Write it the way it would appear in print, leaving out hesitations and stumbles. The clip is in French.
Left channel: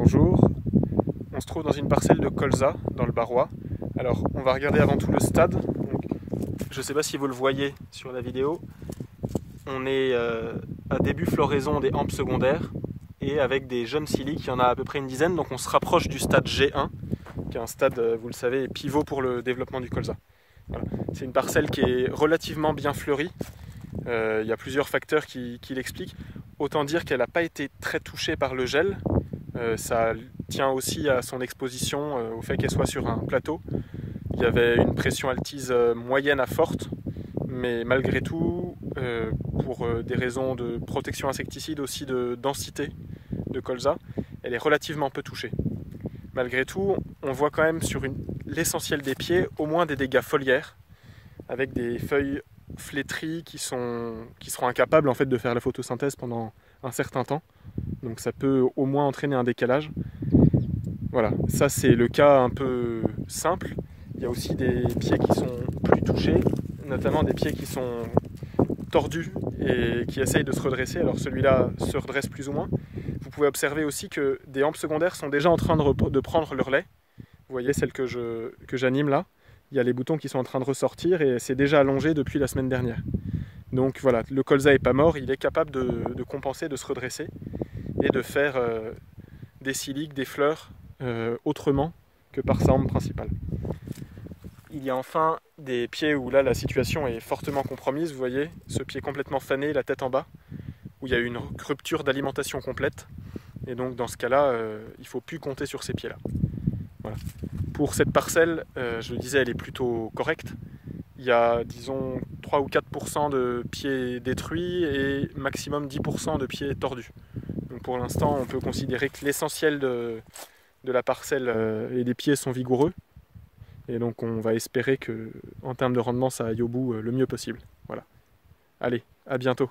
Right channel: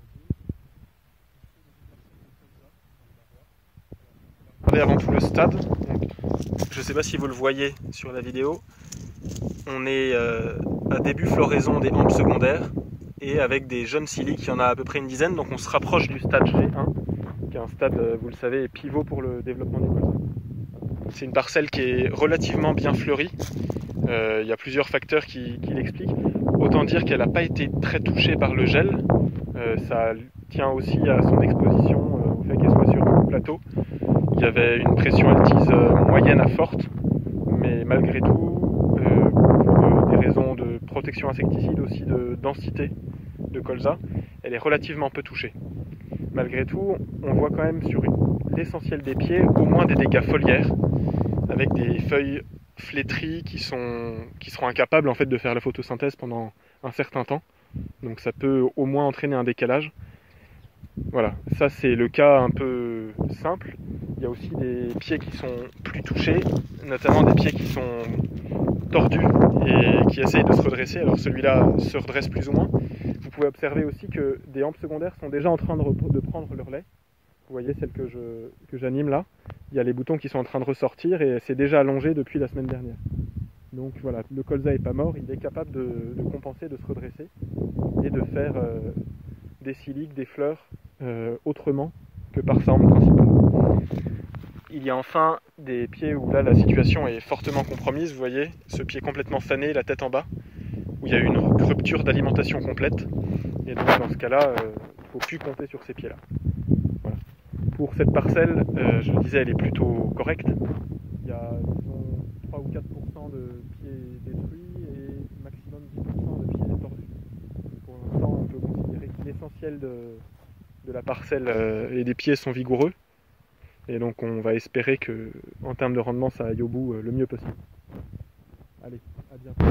Bonjour, on se trouve dans une parcelle de colza dans le Barrois. Alors on va regarder avant tout le stade. Donc, je ne sais pas si vous le voyez sur la vidéo. On est à début floraison des hampes secondaires et avec des jeunes siliques, il y en a à peu près une dizaine. Donc on se rapproche du stade G1, qui est un stade, vous le savez, pivot pour le développement du colza. Voilà. C'est une parcelle qui est relativement bien fleurie. Il y a plusieurs facteurs qui l'expliquent. Autant dire qu'elle n'a pas été très touchée par le gel. Ça tient aussi à son exposition, au fait qu'elle soit sur un plateau. Il y avait une pression altise moyenne à forte, mais malgré tout, pour des raisons de protection insecticide, aussi de densité de colza, elle est relativement peu touchée. Malgré tout, on voit quand même sur l'essentiel des pieds au moins des dégâts foliaires, avec des feuilles flétries qui seront incapables en fait de faire la photosynthèse pendant un certain temps. Donc ça peut au moins entraîner un décalage. Voilà, ça c'est le cas un peu simple. Il y a aussi des pieds qui sont plus touchés, notamment des pieds qui sont tordus et qui essayent de se redresser. Alors celui-là se redresse plus ou moins. Vous pouvez observer aussi que des hampes secondaires sont déjà en train de prendre leur lait. Vous voyez celle que j'anime là. Il y a les boutons qui sont en train de ressortir et c'est déjà allongé depuis la semaine dernière. Donc voilà, le colza n'est pas mort, il est capable de compenser, de se redresser et de faire des siliques, des fleurs autrement que par sa hampe principale. Il y a enfin des pieds où là la situation est fortement compromise, vous voyez, ce pied complètement fané, la tête en bas, où il y a une rupture d'alimentation complète. Et donc dans ce cas-là, il ne faut plus compter sur ces pieds-là. Voilà. Pour cette parcelle, je le disais, elle est plutôt correcte. Il y a, disons, 3 ou 4% de pieds détruits et maximum 10% de pieds tordus. Donc pour l'instant, on peut considérer que l'essentiel de la parcelle et des pieds sont vigoureux. Et donc on va espérer que, en termes de rendement, ça aille au bout le mieux possible. Voilà. Allez, à bientôt.